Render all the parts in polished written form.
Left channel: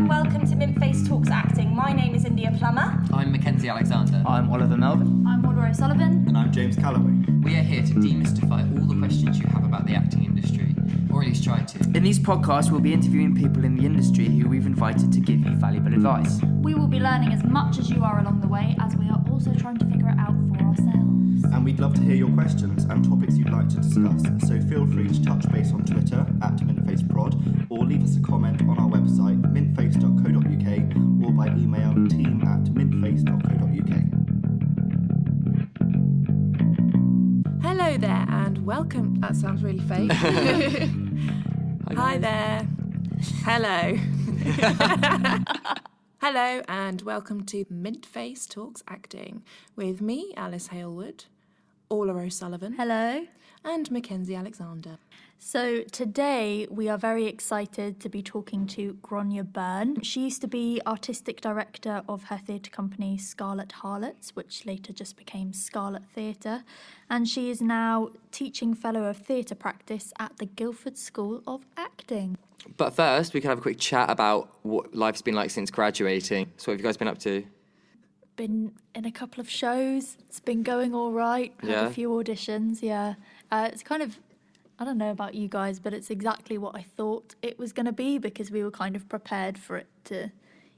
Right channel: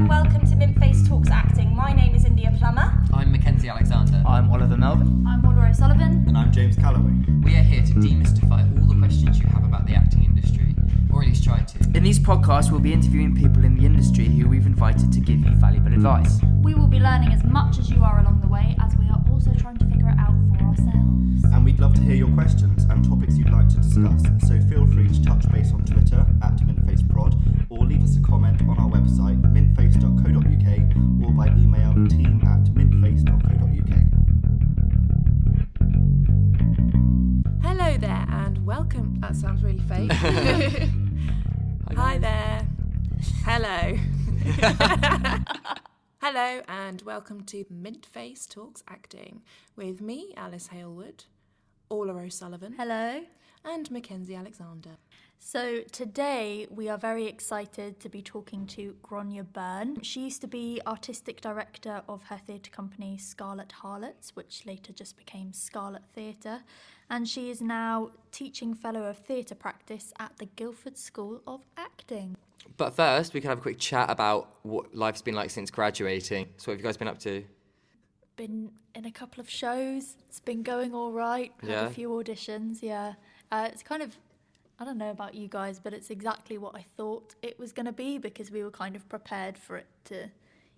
and welcome to Mintface Talks Acting. My name is Plummer. I'm Mckenzie Alexander. I'm Oliver Melvin. I'm Orla O'Sullivan. And I'm James Calloway. We are here to demystify all the questions you have about the acting industry, or at least try to. In these podcasts, we'll be interviewing people in the industry who we've invited to give you valuable advice. We will be learning as much as you are along the way, as we are also trying to figure it out for ourselves. And we'd love to hear your questions and topics you'd like to discuss, so feel free to touch base on Twitter @MintfaceProd, or leave us a comment on our website mintface.co.uk, or by email team@mintface.co.uk. Hello there and welcome. That sounds really fake. Hi there. Hello. Hello and welcome to Mintface Talks Acting with me, Alice Halewood, Orla O'Sullivan. Hello. And Mckenzie Alexander. So today we are very excited to be talking to Grainne Byrne. She used to be artistic director of her theatre company Scarlet Harlots, which later just became Scarlet Theatre, and she is now teaching fellow of theatre practice at the Guildford School of Acting. But first, we can have a quick chat about what life's been like since graduating. So what have you guys been up to? Been in a couple of shows. It's been going all right. Had a few auditions, yeah. It's kind of, I don't know about you guys, but it's exactly what I thought it was going to be, because we were kind of prepared for it to,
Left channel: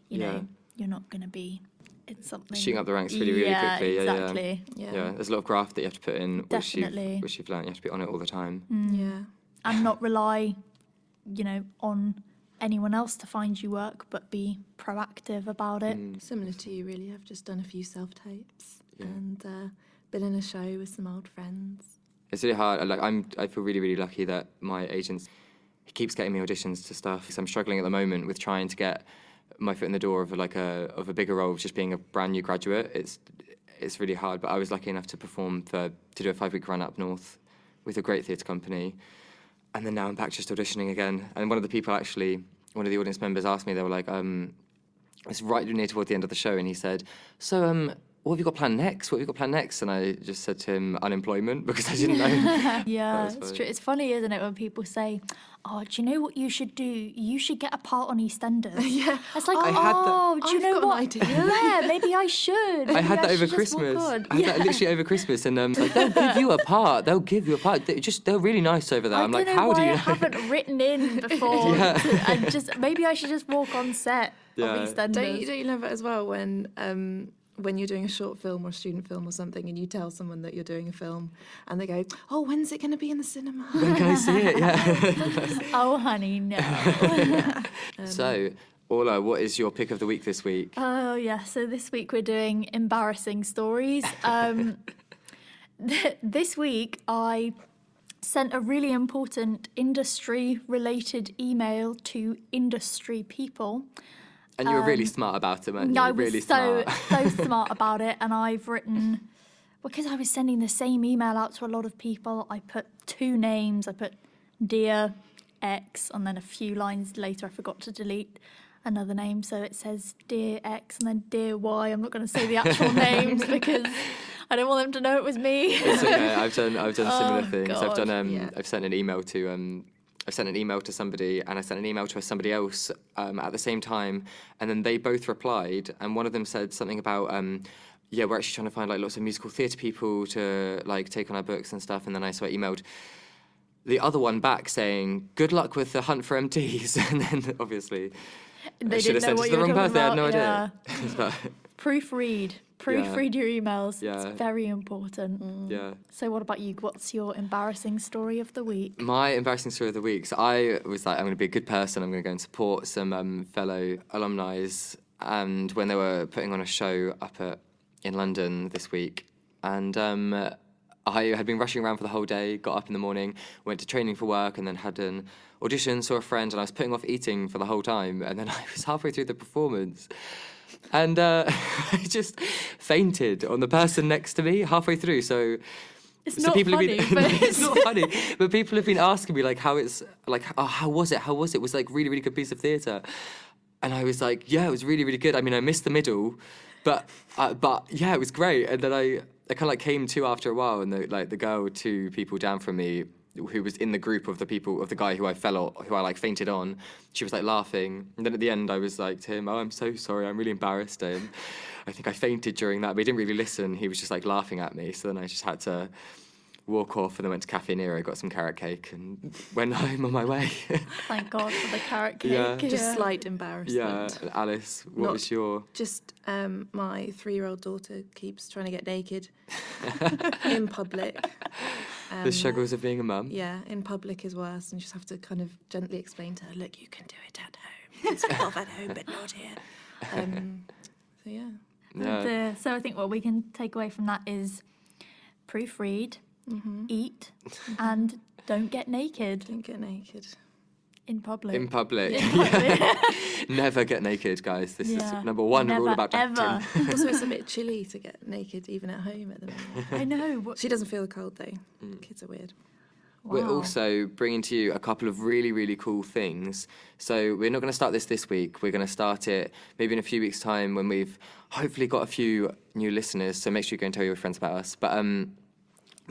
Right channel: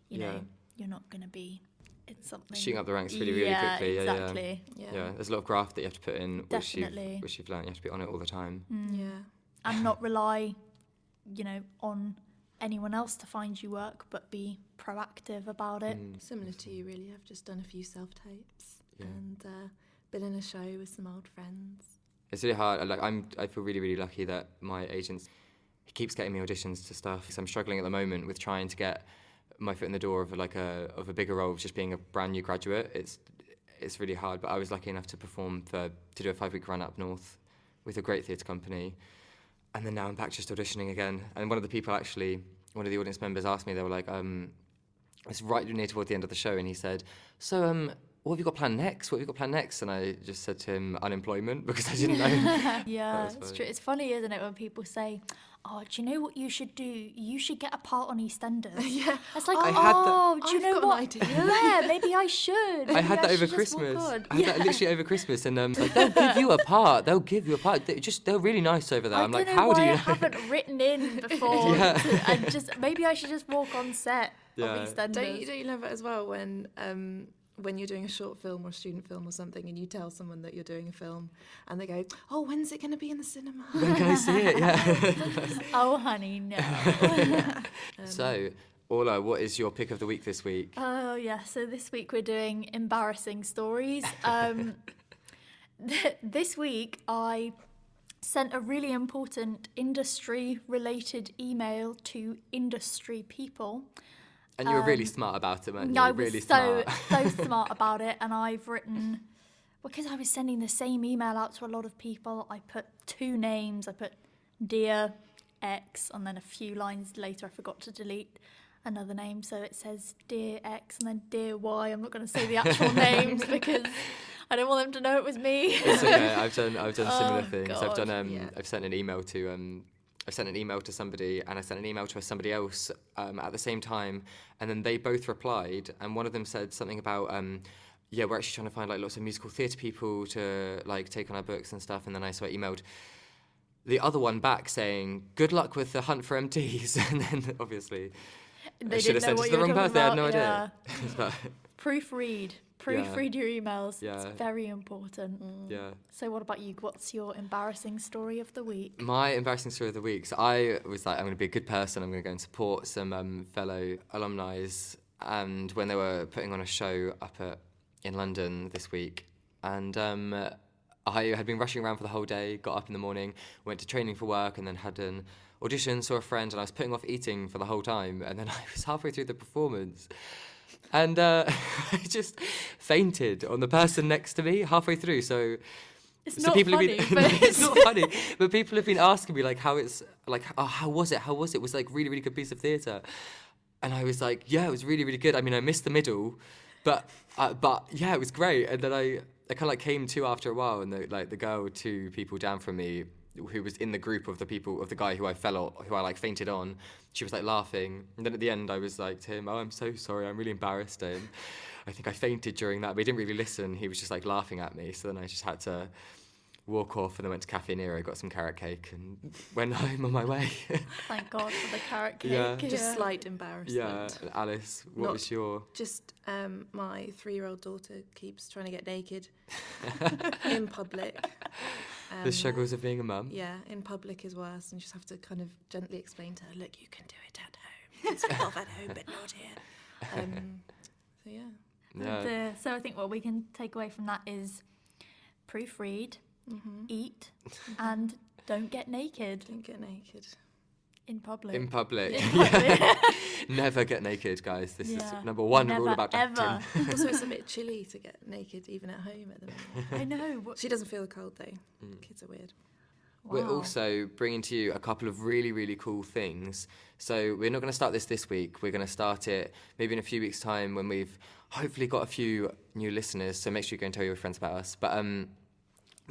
you know, you're not going to be in something. Shooting up the ranks really quickly. Exactly. Yeah, there's a lot of graft that you have to put in, Definitely. which you've learned. You have to be on it all the time. Yeah. And not rely, on anyone else to find you work, but be proactive about it. Similar to you, really. I've just done a few self-tapes and been in a show with some old friends. It's really hard. I feel really, really lucky that my agent, he keeps getting me auditions to stuff. So I'm struggling at the moment with trying to get my foot in the door of a bigger role of just being a brand new graduate. It's really hard, but I was lucky enough to do a 5-week run up north with a great theatre company. And then now I'm back just auditioning again. And one of the audience members asked me, they were like, it's right near toward the end of the show, and he said, so, what have you got planned next? And I just said to him, unemployment, because I didn't know. Yeah, it's true. It's funny, isn't it, when people say, oh, do you know what you should do? You should get a part on EastEnders. Yeah. It's like, do you know got what? an idea. Yeah, maybe I should. I had that over Christmas. I had that literally over Christmas, and they'll give you a part. They're really nice over there. I'm like, how do you know? I haven't written in before, and maybe I should just walk on set of EastEnders. Don't you love it as well when you're doing a short film or a student film or something, and you tell someone that you're doing a film, and they go, oh, when's it going to be in the cinema? When can I see it? Yeah. Oh, honey, no. So, Orla, what is your pick of the week this week? Oh, yeah. So this week we're doing embarrassing stories. This week I sent a really important industry-related email to industry people. And you were really smart about it, man. I was really so smart. smart about it, and I've written, because I was sending the same email out to a lot of people, I put 2 names. I put Dear X, and then a few lines later I forgot to delete another name, so it says Dear X and then Dear Y. I'm not going to say the actual names because I don't want them to know it was me. It's okay. I've done similar things. God. I've sent an email to I sent an email to somebody, and I sent an email to somebody else at the same time, and then they both replied, and one of them said something about, we're actually trying to find lots of musical theatre people to take on our books and stuff, and then I emailed the other one back saying, good luck with the hunt for MTs, and then obviously they I should have didn't know sent it to the wrong person. They had no idea. But, Proofread your emails. Yeah. It's very important. Yeah. So what about you? What's your embarrassing story of the week? My embarrassing story of the week. So I was like, I'm going to be a good person. I'm going to go and support some fellow alumni. And when they were putting on a show in London this week, and I had been rushing around for the whole day, got up in the morning, went to training for work, and then had an audition, saw a friend, and I was putting off eating for the whole time. And then I was halfway through the performance, and I just fainted on the person next to me halfway through. So it's not funny, but it's not funny. But people have been asking me how it's how was it? How was it? It was really, really good piece of theatre. And I was like, yeah, it was really, really good. I mean, I missed the middle, but yeah, it was great. And then I kind of came to after a while, and the girl 2 people down from me who was in the group of the guy who I fainted on, she was like laughing. And then at the end I was like to him, "Oh, I'm so sorry, I'm really embarrassed. I think I fainted during that." But he didn't really listen. He was just like laughing at me. So then I just had to walk off and then went to Cafe Nero, got some carrot cake and went home on my way. Thank God for the carrot cake. Yeah. Just slight embarrassment. Yeah, Alice, what was your... Just my 3-year-old daughter keeps trying to get naked in public. The struggles of being a mum? Yeah, in public is worse, and you just have to kind of gently explain to her, look, you can do it at home. It's off at home, but not here. So, yeah. Yeah. So I think what we can take away from that is proofread, eat, and don't get naked Don't get naked. in public. In public. In public. Never get naked, guys. This Yeah. is number one Never, rule about ever. acting. Also, it's a bit chilly to get naked even at home at the moment. I know. She doesn't feel the cold, though. Kids are weird. We're Wow. also bringing to you a couple of really, really cool things. So we're not going to start this week. We're going to start it maybe in a few weeks' time when we've hopefully got a few new listeners. So make sure you go and tell your friends about us. But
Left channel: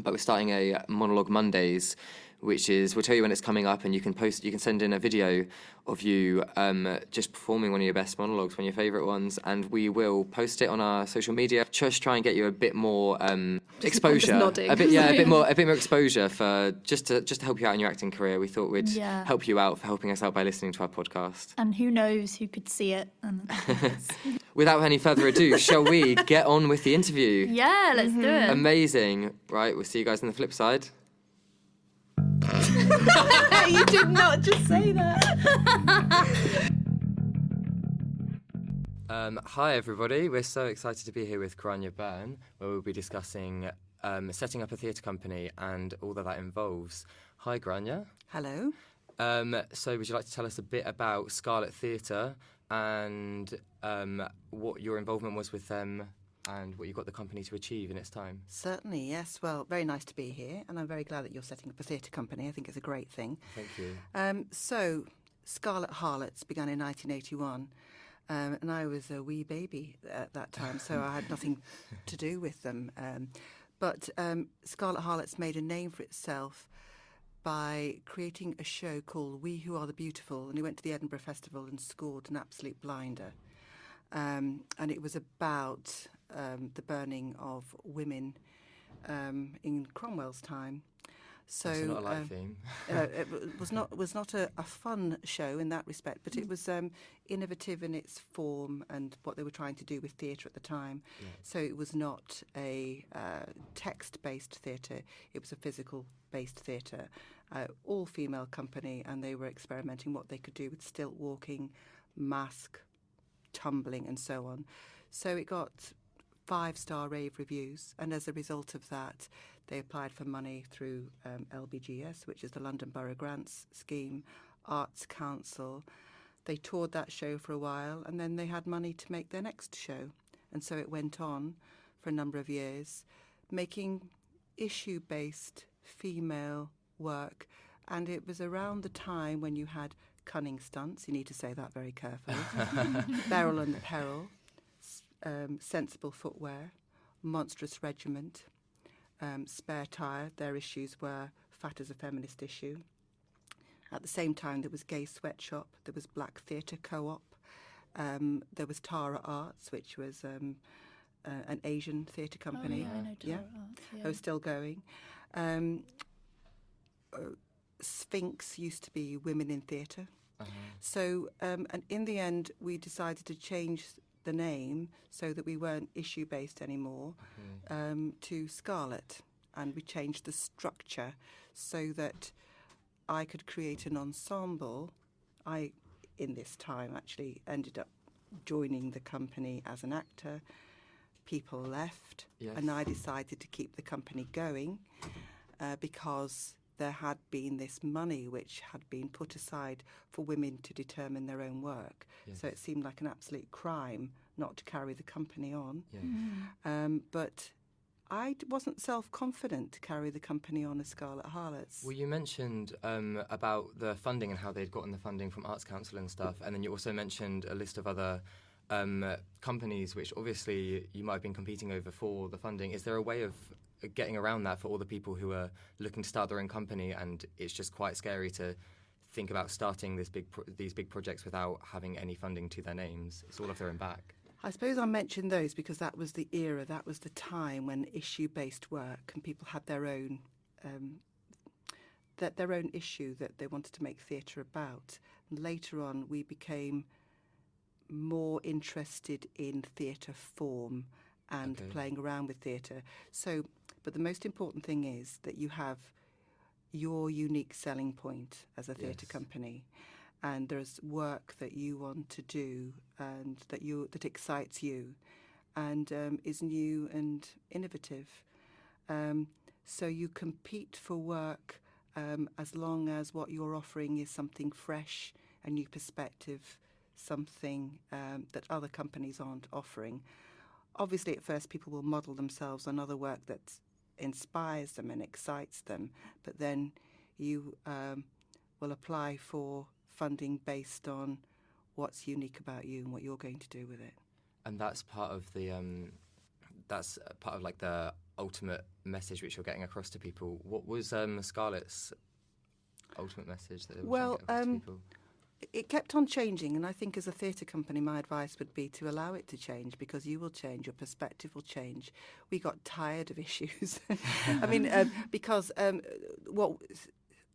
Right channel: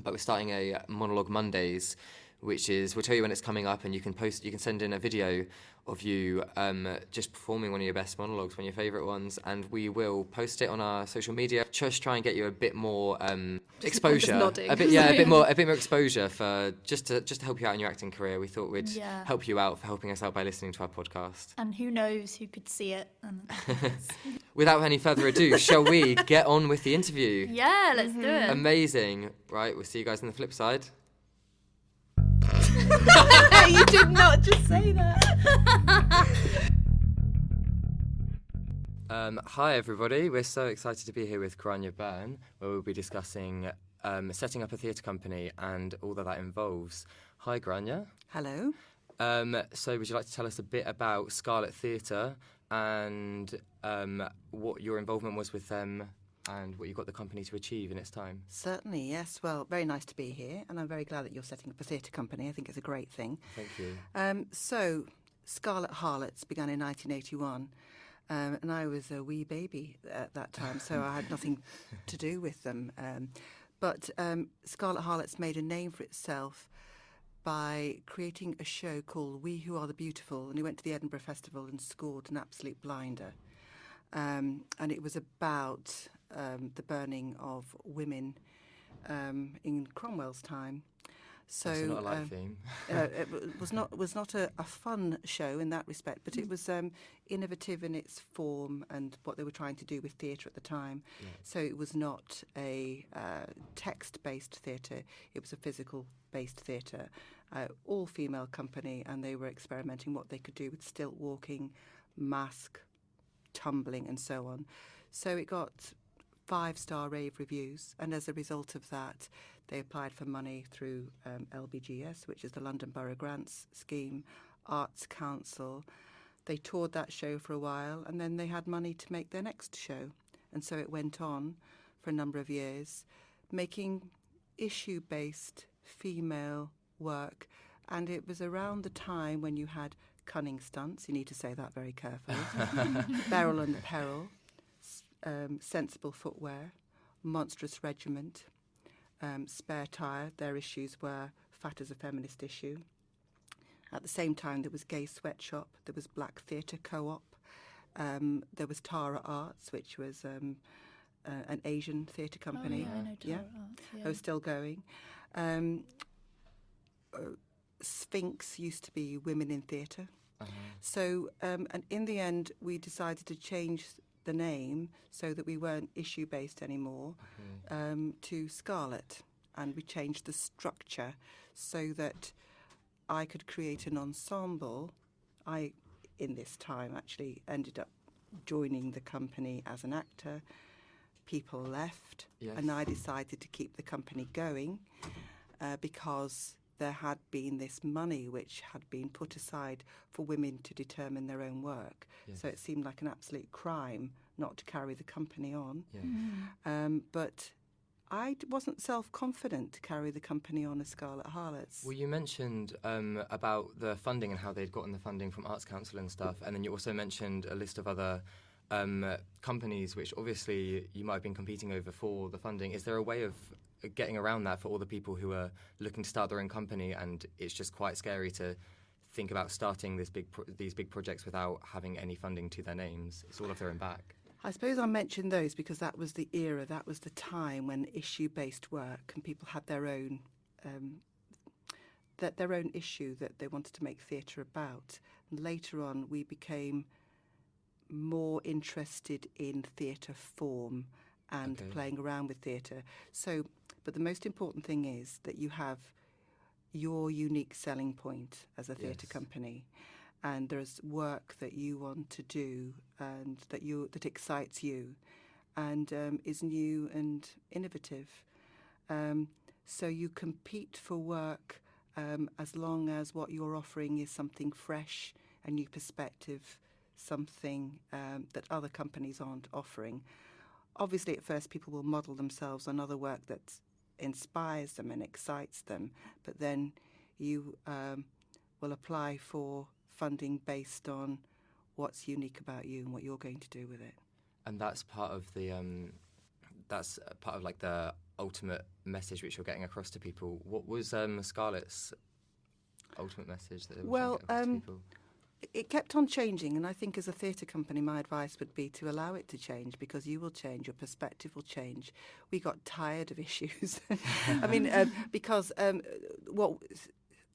we're starting a Monologue Mondays, which is, we'll tell you when it's coming up, and you can send in a video of you just performing one of your best monologues, one of your favourite ones, and we will post it on our social media. Just try and get you a bit more exposure, just nodding. a bit more exposure for just to help you out in your acting career. We thought we'd Yeah. help you out for helping us out by listening to our podcast. And who knows who could see it. And Without any further ado, shall we get on with the interview? yeah, let's do it. Amazing. Right, we'll see you guys on the flip side. You did not just say that. Hi everybody, we're so excited to be here with Grainne Byrne, where we'll be discussing setting up a theatre company and all that involves. Hi Grainne. Hello. So would you like to tell us a bit about Scarlet Theatre and what your involvement was with them and what you got the company to achieve in its time? Certainly, yes. Well, very nice to be here, and I'm very glad that you're setting up a theatre company. I think it's a great thing. Thank you. So, Scarlet Harlots began in 1981, and I was a wee baby at that time, so I had nothing to do with them. But Scarlet Harlots made a name for itself by creating a show called We Who Are the Beautiful, and it went to the Edinburgh Festival and scored an absolute blinder. And it was about the burning of women in Cromwell's time. So It's not a live theme. it was not a fun show in that respect, but it was innovative in its form and what they were trying to do with theatre at the time. Yeah. So it was not a text-based theatre; it was a physical-based theatre, all-female company, and they were experimenting what they could do with stilt walking, mask, tumbling, and so on. So it got 5-star rave reviews, and as a result of that, they applied for money through LBGS, which is the London Borough Grants Scheme, Arts Council. They toured that show for a while, and then they had money to make their next show. And so it went on for a number of years, making issue-based female work. And it was around the time when you had cunning stunts, you need to say that very carefully, Beryl and Peril, sensible footwear, monstrous regiment, spare tire. Their issues were fat as a feminist issue. At the same time, there was Gay Sweatshop, there was Black Theatre Co-op, there was Tara Arts, which was an Asian theatre company. Oh, yeah, I know Tara Arts, yeah. Those still going. Sphinx used to be Women in Theatre. So, and in the end, we decided to change the name so that we weren't issue-based anymore to Scarlet. And we changed the structure so that I could create an ensemble. I, in this time, actually ended up joining the company as an actor. People left, Yes. and I decided to keep the company going because there had been this money which had been put aside for women to determine their own work. Yes. So it seemed like an absolute crime not to carry the company on. Yeah. But I wasn't self-confident to carry the company on as Scarlet Harlots. Well, you mentioned about the funding and how they'd gotten the funding from Arts Council and stuff, and then you also mentioned a list of other companies which obviously you might have been competing over for the funding. Is there a way of getting around that for all the people who are looking to start their own company, and it's just quite scary to think about starting these big projects without having any funding to their names. It's all off their own back. I suppose I'll mention those because that was the era, that was the time when issue-based work and people had their own issue that they wanted to make theatre about. And later on, we became more interested in theatre form and playing around with theatre. So, but the most important thing is that you have your unique selling point as a theatre company, and there's work that you want to do and that excites you, and is new and innovative. So you compete for work as long as what you're offering is something fresh, a new perspective, something that other companies aren't offering. Obviously, at first, people will model themselves on other work that inspires them and excites them, but then you will apply for funding based on what's unique about you and what you're going to do with it. And that's part of the like the ultimate message which you're getting across to people. What was Scarlett's ultimate message that it was trying to get across to people? It kept on changing, and I think as a theatre company, my advice would be to allow it to change, because you will change, your perspective will change. We got tired of issues. I mean, because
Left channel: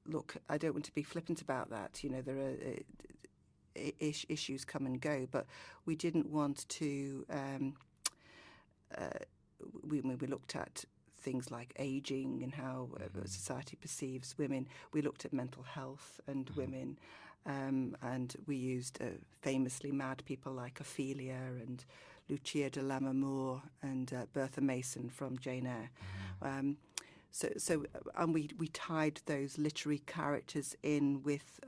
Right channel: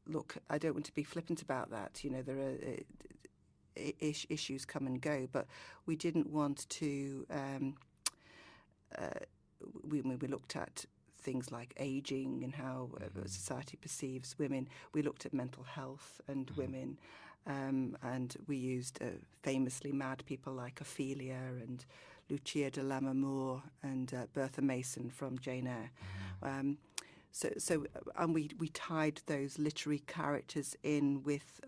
look, I don't want to be flippant about that. You know, there are issues come and go, but we didn't want to. We looked at things like ageing and how society perceives women. We looked at mental health and women. And we used famously mad people like Ophelia and Lucia de Lammermoor and Bertha Mason from Jane Eyre. And we tied those literary characters in with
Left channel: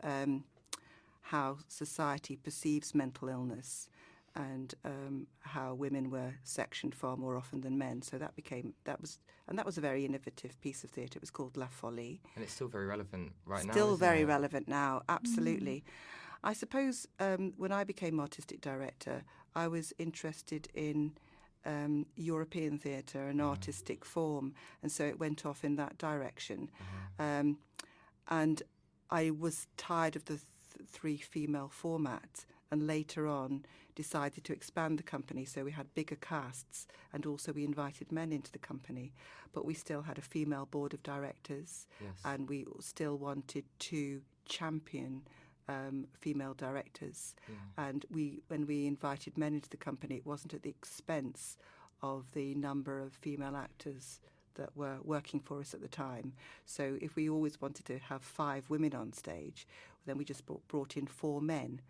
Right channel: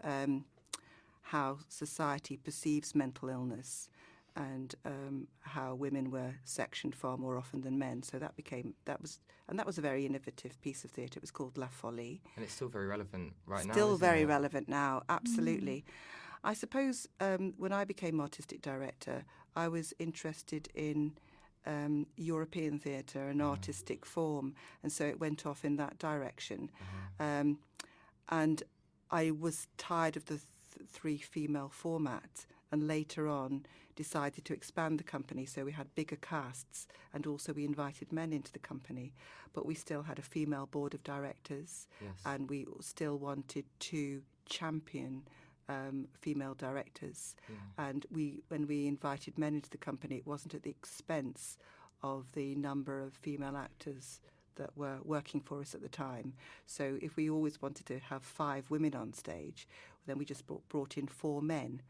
how society perceives mental illness and how women were sectioned far more often than men. So that was a very innovative piece of theatre. It was called La Folie. And it's still very relevant right now. Still very relevant now, absolutely. I suppose when I became artistic director, I was interested in European theatre and artistic form, and so it went off in that direction. And I was tired of the three female format, and later on decided to expand the company, so we had bigger casts, and also we invited men into the company, but we still had a female board of directors, and we still wanted to champion female directors. And when we invited men into the company, it wasn't at the expense of the number of female actors that were working for us at the time. So if we always wanted to have 5 women on stage, then we just brought in 4 men.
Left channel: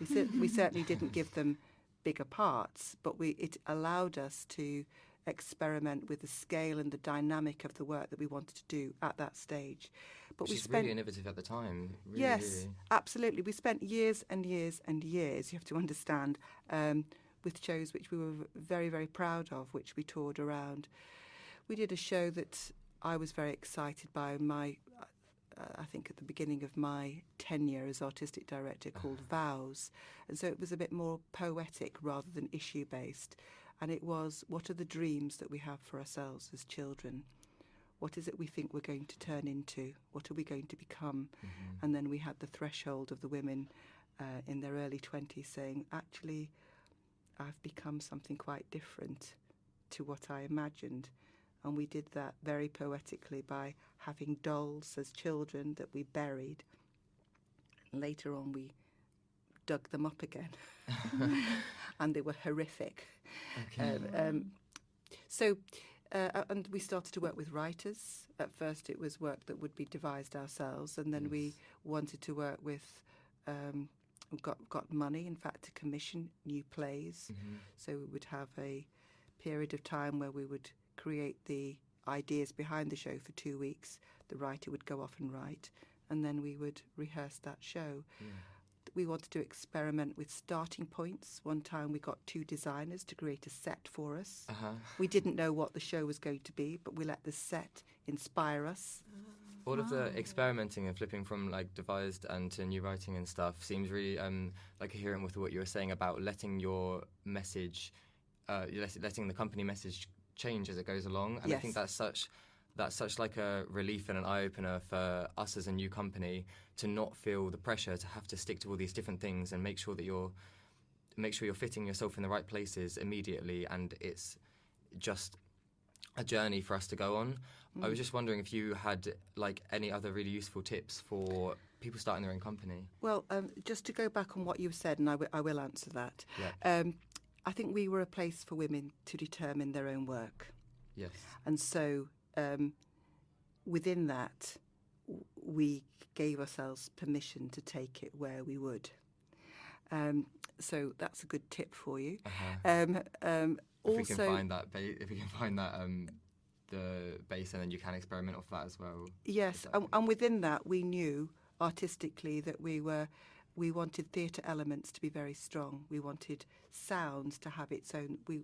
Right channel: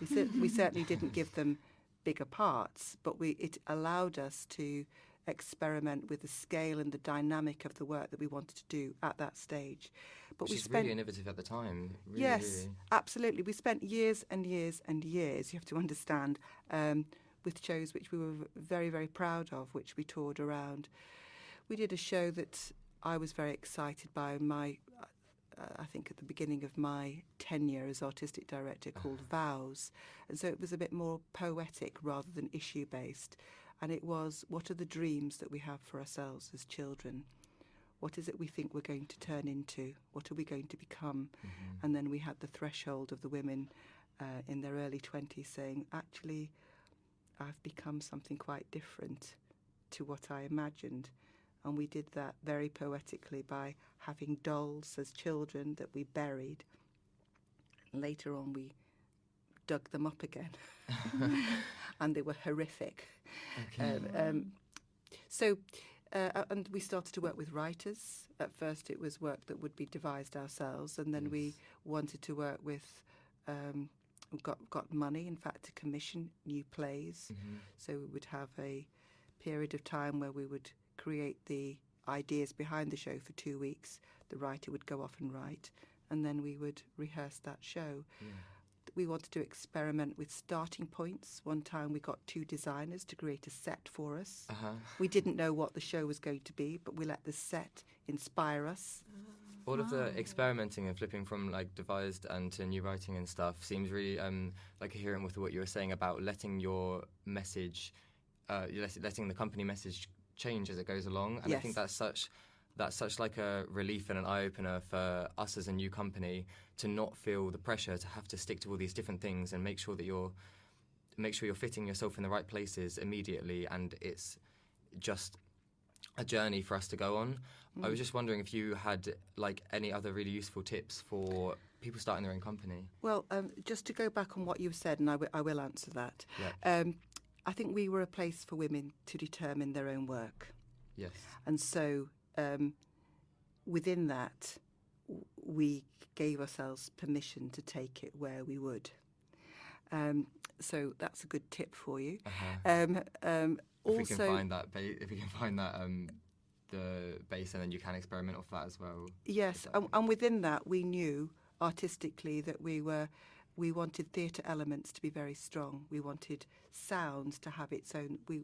We certainly didn't give them bigger parts, but it allowed us to experiment with the scale and the dynamic of the work that we wanted to do at that stage. But Which is really innovative at the time. Really, yes, really. Absolutely. We spent years and years and years, you have to understand, with shows which we were very, very proud of, which we toured around. We did a show that I was very excited by, I think at the beginning of my tenure as artistic director, called Vows. And so it was a bit more poetic rather than issue-based. And it was, what are the dreams that we have for ourselves as children? What is it we think we're going to turn into? What are we going to become? And then we had the threshold of the women in their early 20s saying, actually, I've become something quite different to what I imagined. And we did that very poetically by having dolls as children that we buried. Later on, we dug them up again. And they were horrific. Okay. And we started to work with writers. At first, it was work that would be devised ourselves. And then we wanted to work with, got money, in fact, to commission new plays. So we would have a period of time where we would create the ideas behind the show for 2 weeks. The writer would go off and write, and then we would rehearse that show. We wanted to experiment with starting points. One time we got 2 designers to create a set for us. We didn't know what the show was going to be, but we let the set inspire us. All of the experimenting and flipping from like devised and to new writing and stuff seems really like coherent with what you were saying about letting your message, letting the company message change as it goes along, and I think that's such like a relief and an eye-opener for us as a new company to not feel the pressure to have to stick to all these different things and make sure you're fitting yourself in the right places immediately, and it's just a journey for us to go on. I was just wondering if you had like any other really useful tips for people starting their own company. Well, just to go back on what you said, and I will answer that. Yeah. I think we were a place for women to determine their own work. Yes. And so within that, we gave ourselves permission to take it where we would. So that's a good tip for you. If we can find that, the base, and then you can experiment off that as well. Yes, and within that, we knew artistically that we wanted theatre elements to be very strong. We wanted sounds to have its own. The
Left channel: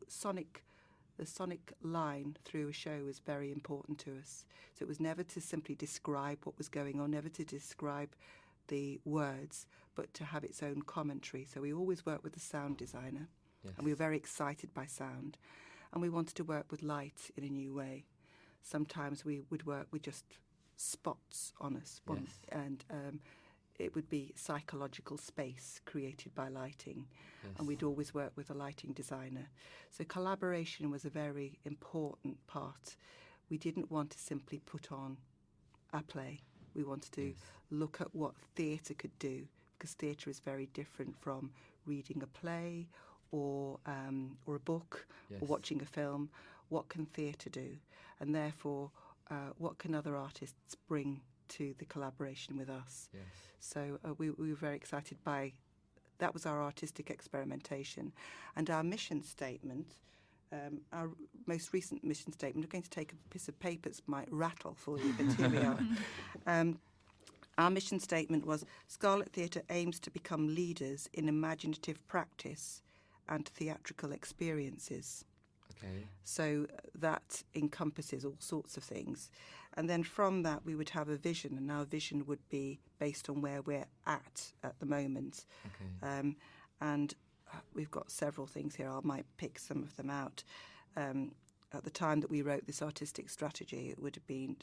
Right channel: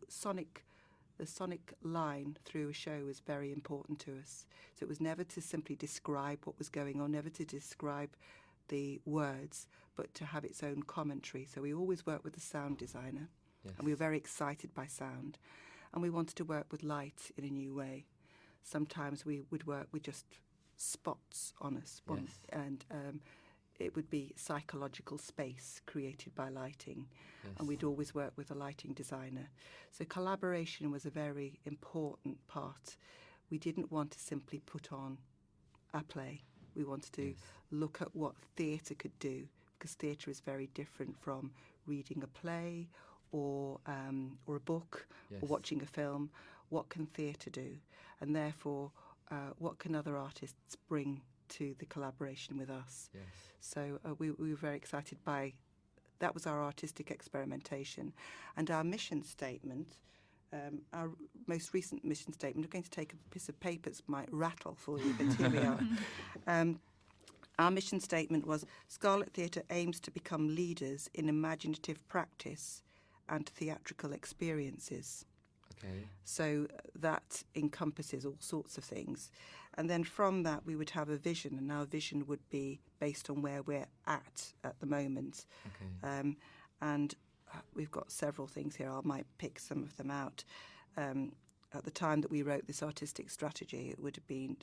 sonic line through a show was very important to us. So it was never to simply describe what was going on, never to describe the words, but to have its own commentary. So we always worked with a sound designer, and we were very excited by sound. And we wanted to work with light in a new way. Sometimes we would work with just spots on us, and it would be psychological space created by lighting. And we'd always work with a lighting designer. So collaboration was a very important part. We didn't want to simply put on a play. We wanted to look at what theatre could do, because theatre is very different from reading a play or a book or watching a film. What can theatre do? And therefore, what can other artists bring to the collaboration with us? Yes. So we were very excited by that. Was our artistic experimentation. And our mission statement, our most recent mission statement, I'm going to take a piece of paper, it might rattle for you, but here we are. Our mission statement was, Scarlet Theatre aims to become leaders in imaginative practice and theatrical experiences. Okay. So that encompasses all sorts of things. And then from that we would have a vision, and our vision would be based on where we're at the moment. Okay. And we've got several things here. I might pick some of them out. At the time that we wrote this artistic strategy, it would have been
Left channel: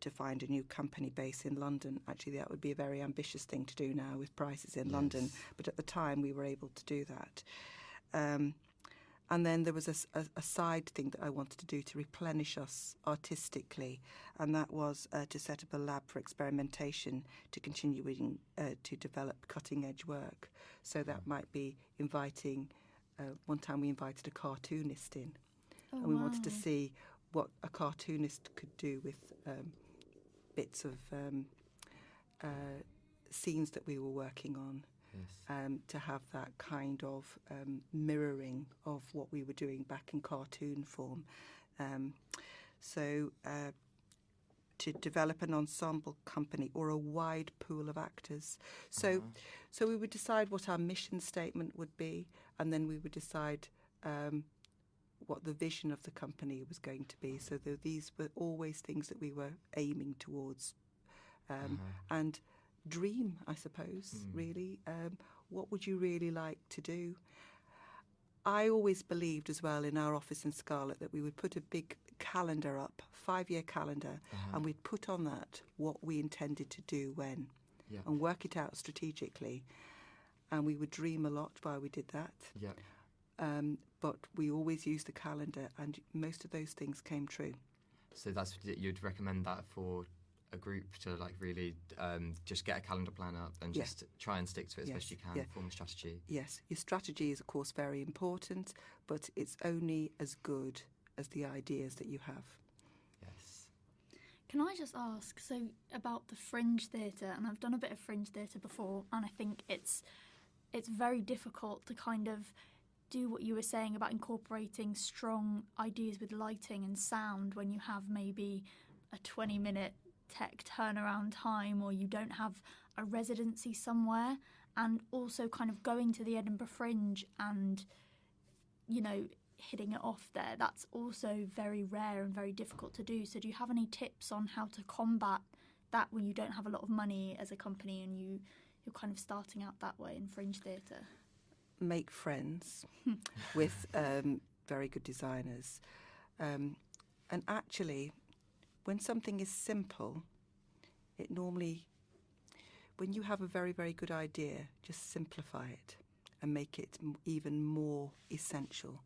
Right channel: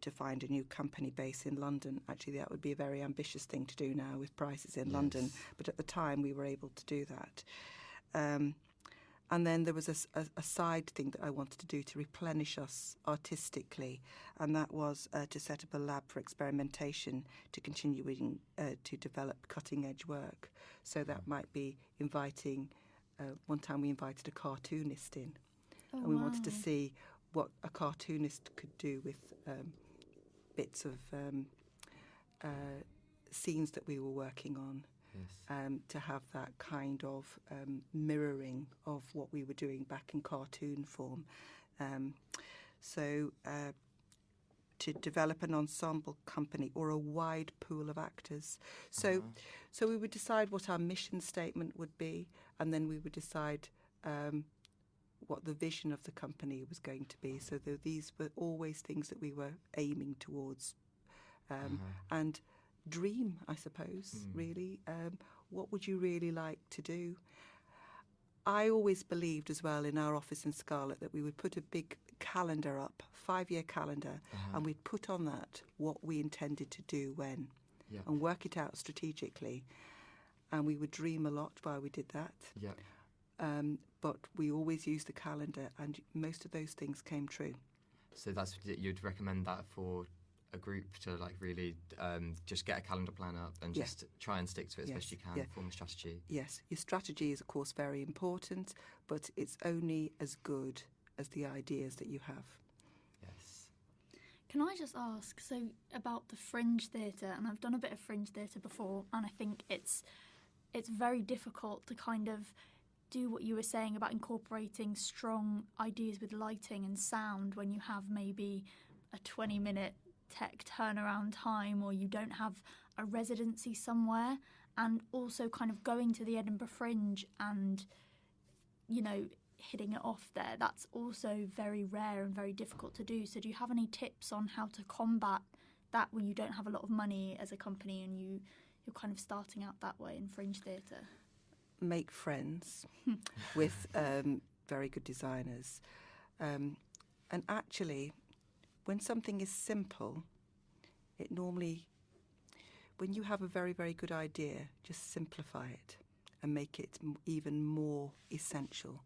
to find a new company base in London. Actually, that would be a very ambitious thing to do now with prices in London. But at the time, we were able to do that. And then there was a side thing that I wanted to do to replenish us artistically, and that was to set up a lab for experimentation to continue to develop cutting-edge work. So that might be inviting, one time we invited a cartoonist in, and we wanted to see what a cartoonist could do with bits of scenes that we were working on. Yes. To have that kind of mirroring of what we were doing back in cartoon form. So to develop an ensemble company or a wide pool of actors. So we would decide what our mission statement would be, and then we would decide what the vision of the company was going to be. So these were always things that we were aiming towards. And dream, I suppose, really. What would you really like to do? I always believed as well in our office in Scarlet that we would put a big calendar up, 5-year calendar, and we'd put on that what we intended to do when, and work it out strategically. And we would dream a lot while we did that. But we always used the calendar, and most of those things came true. So you'd recommend that for a group to like really just get a calendar plan up and just try and stick to it as best you can, form a strategy. Yes, your strategy is of course very important, but it's only as good as the ideas that you have. Yes. Can I just ask, so about the fringe theatre, and I've done a bit of fringe theatre before, and I think it's very difficult to kind of do what you were saying about incorporating strong ideas with lighting and sound when you have maybe a 20-minute tech turnaround time, or you don't have a residency somewhere, and also kind of going to the Edinburgh Fringe and, you know, hitting it off there. That's also very rare and very difficult to do. So do you have any tips on how to combat that when you don't have a lot of money as a company and you're kind of starting out that way in fringe theatre? Make friends with very good designers. And actually, when something is simple, it normally, when you have a very, very good idea, just simplify it and make it even more essential.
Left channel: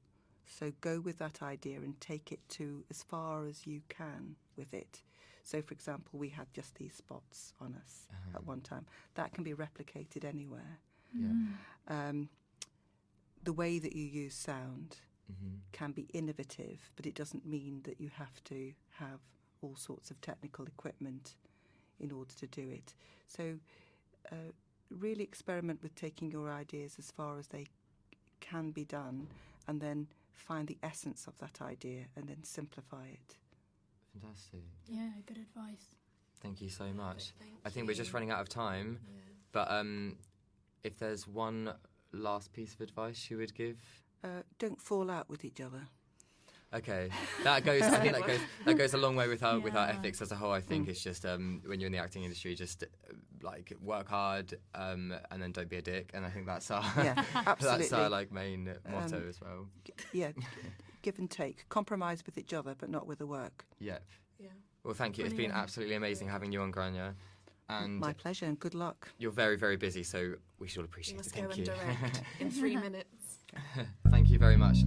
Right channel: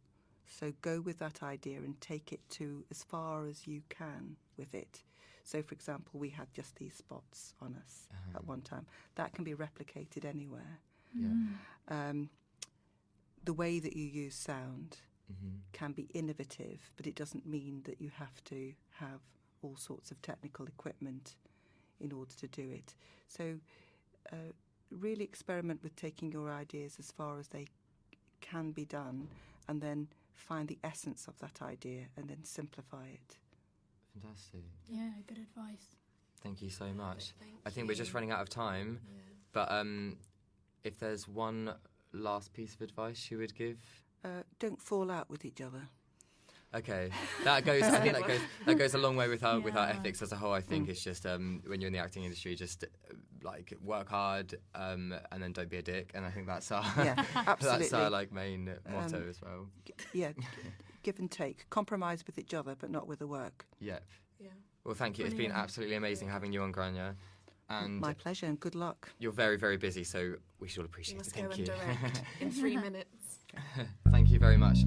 So go with that idea and take it to as far as you can with it. So, for example, we had just these spots on us at one time. That can be replicated anywhere. The way that you use sound can be innovative, but it doesn't mean that you have to have all sorts of technical equipment in order to do it. So really experiment with taking your ideas as far as they can be done, and then find the essence of that idea and then simplify it. Fantastic. Yeah, good advice. Thank you so much. I think we're just running out of time, but if there's one last piece of advice you would give? Don't fall out with each other. Okay, that goes. I think that goes a long way with our ethics as a whole. I think it's just when you're in the acting industry, just like work hard and then don't be a dick. And I think that's our absolutely. that's our main motto as well. Give and take, compromise with each other, but not with the work. Yep. Yeah. Well, thank you. It's been absolutely amazing having you on, Grainne. And my pleasure, and good luck. You're very, very busy, so we should all appreciate it. You must go and direct in 3 minutes. Thank you very much.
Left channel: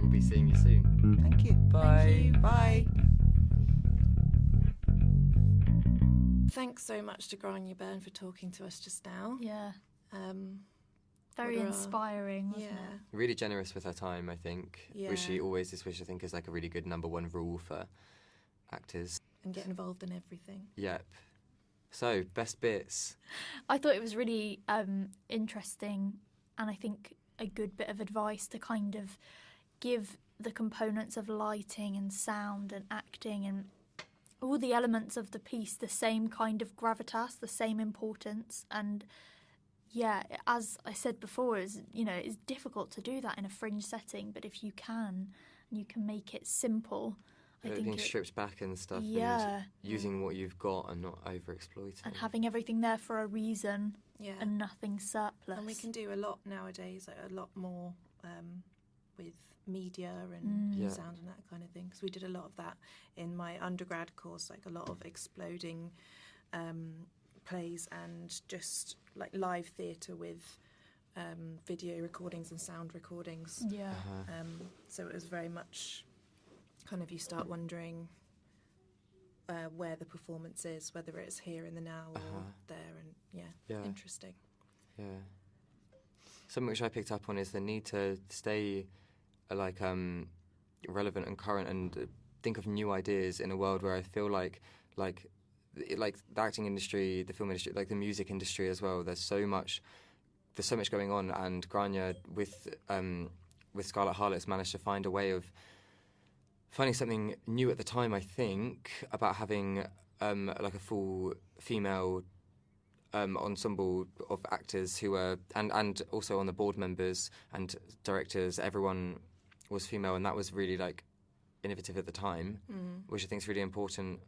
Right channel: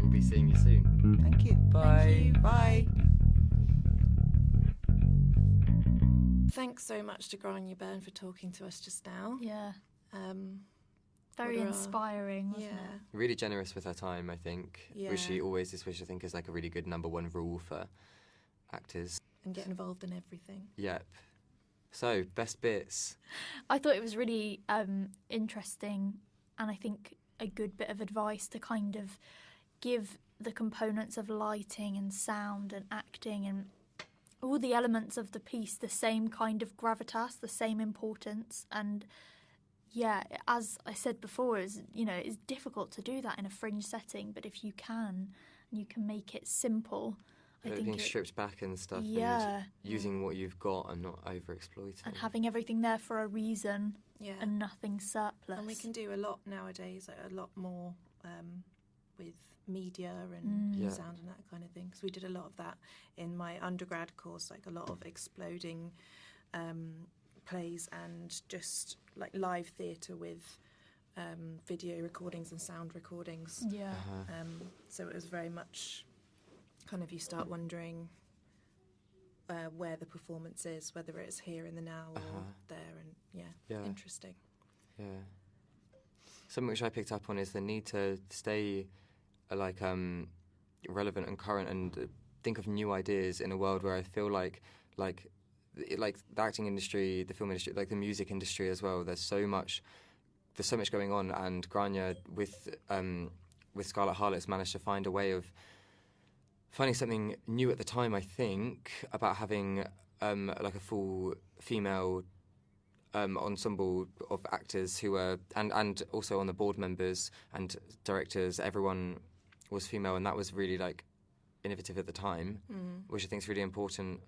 We'll be seeing you soon. Thank you. Bye. Bye. Thanks so much to Grainne Byrne for talking to us just now. Yeah. Very What are our- inspiring, wasn't Yeah. it? Really generous with her time, I think. Yeah. Which she always is, which I think is like a really good number one rule for actors. And get involved in everything. Yep. So, best bits. I thought it was really interesting, and I think a good bit of advice to kind of give the components of lighting and sound and acting and all the elements of the piece the same kind of gravitas, the same importance. And yeah, as I said before, it's difficult to do that in a fringe setting, but if you can make it simple, I think Being stripped back and stuff, Yeah. and using what you've got and not overexploiting. and having everything there for a reason Yeah. and nothing surplus. And we can do a lot nowadays, a lot more with media and Yeah. sound and that kind of thing. Because we did a lot of that in my undergrad course, like a lot of exploding plays and just like live theatre with video recordings and sound recordings. Yeah. So it was very much kind of, you start wondering where the performance is, whether it's here in the now or there, and Yeah. interesting. Yeah. Something which I picked up on is the need to stay relevant and current and think of new ideas in a world where I feel like the acting industry, the film industry, like the music industry as well. There's so much going on, and Grainne with Scarlet Harlot's managed to find a way of finding something new at the time. I think about having like a full female ensemble of actors who were and also on the board members and directors. Everyone was female, and that was really like innovative at the time, which I think is really important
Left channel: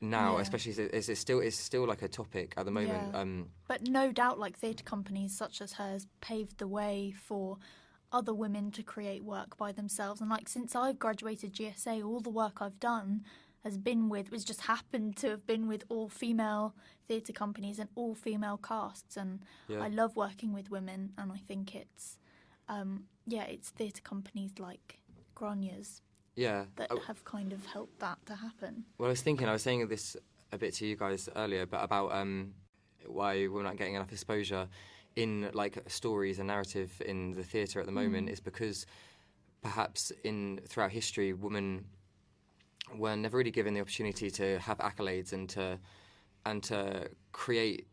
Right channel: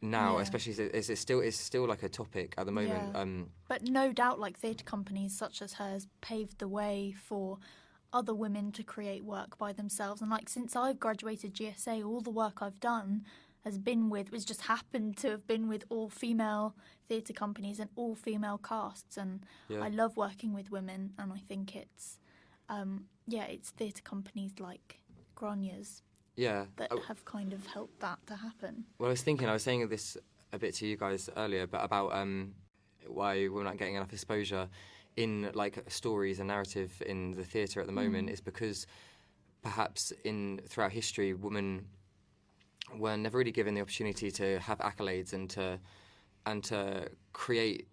now, Yeah. especially as it's still like a topic at the moment. Yeah. But no doubt, like theatre companies such as hers paved the way for other women to create work by themselves. And like since I've graduated GSA, all the work I've done was just happened to have been with all female theatre companies and all female casts. And Yeah. I love working with women, and I think it's theatre companies like Grainne's Yeah. that have kind of helped that to happen. Well, I was saying this a bit to you guys earlier, but about why we're not getting enough exposure in like stories and narrative in the theatre at the moment is because perhaps throughout history, women were never really given the opportunity to have accolades and to create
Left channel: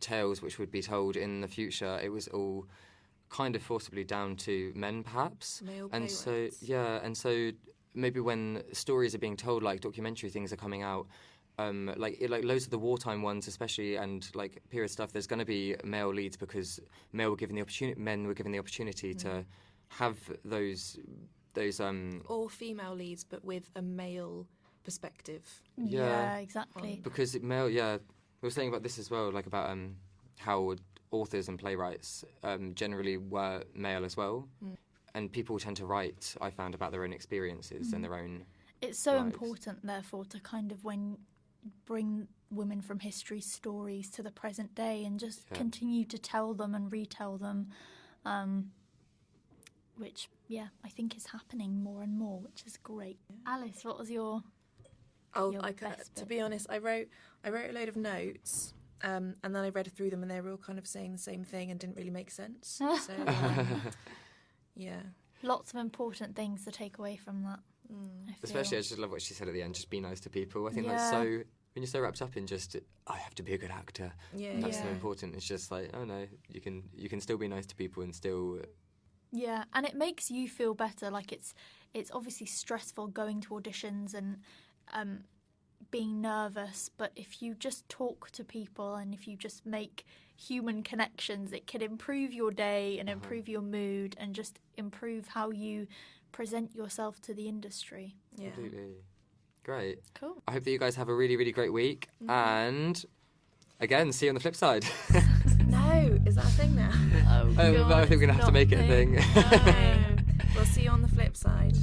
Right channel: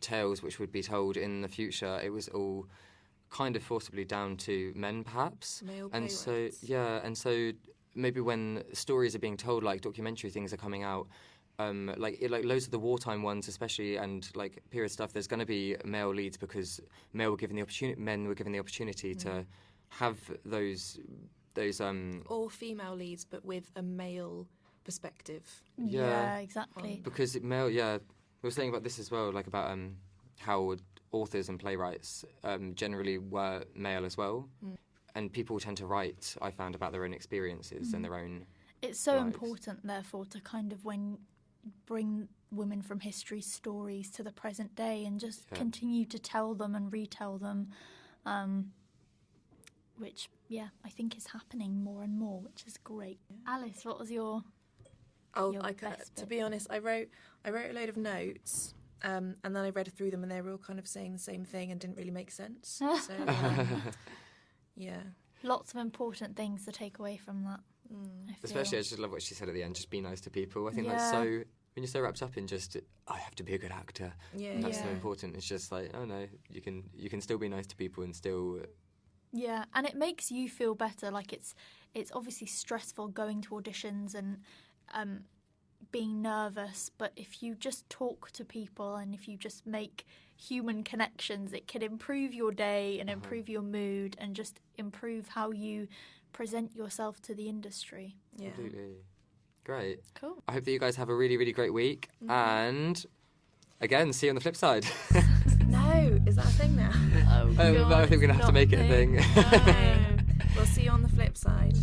tales which would be told in the future. It was all kind of forcibly down to men, perhaps. Male and so playwrights. and so maybe when stories are being told, like documentary things are coming out, like loads of the wartime ones especially, and like period stuff, there's going to be male leads because men were given the opportunity to have those Or female leads, but with a male perspective. Yeah. Exactly. because we were saying about this as well, like about how authors and playwrights generally were male as well, and people tend to write, I found, about their own experiences and their own It's so lives. important, therefore, to kind of bring women from history's stories to the present day and just continue to tell them and retell them, which, I think is happening more and more, which is great. Alice, what was your... Oh, your to best be bit? honest, I wrote a load of notes, and then I read through them, and they were all kind of saying the same thing and didn't really make sense. So, yeah. Lots of important things to take away from that. I Especially, I feel. just love what she said at the end, just be nice to people. I think that's so, when you're so wrapped up in just, I have to be a good actor, Yeah, that's so yeah. important. It's just like, oh no, you can still be nice to people and still... Yeah, and it makes you feel better. Like it's obviously stressful going to auditions and being nervous, but if you just talk to people and if you just make human connections, it can improve your day and improve your mood and just improve how you present yourself to the industry. Yeah. Absolutely. Great. Cool. I hope that you guys have a really, really great week. And again, see you on the flip side. No, is that a thing now? Oh, I think we're going to have to make it a thing. No. We'll see you on the flip side.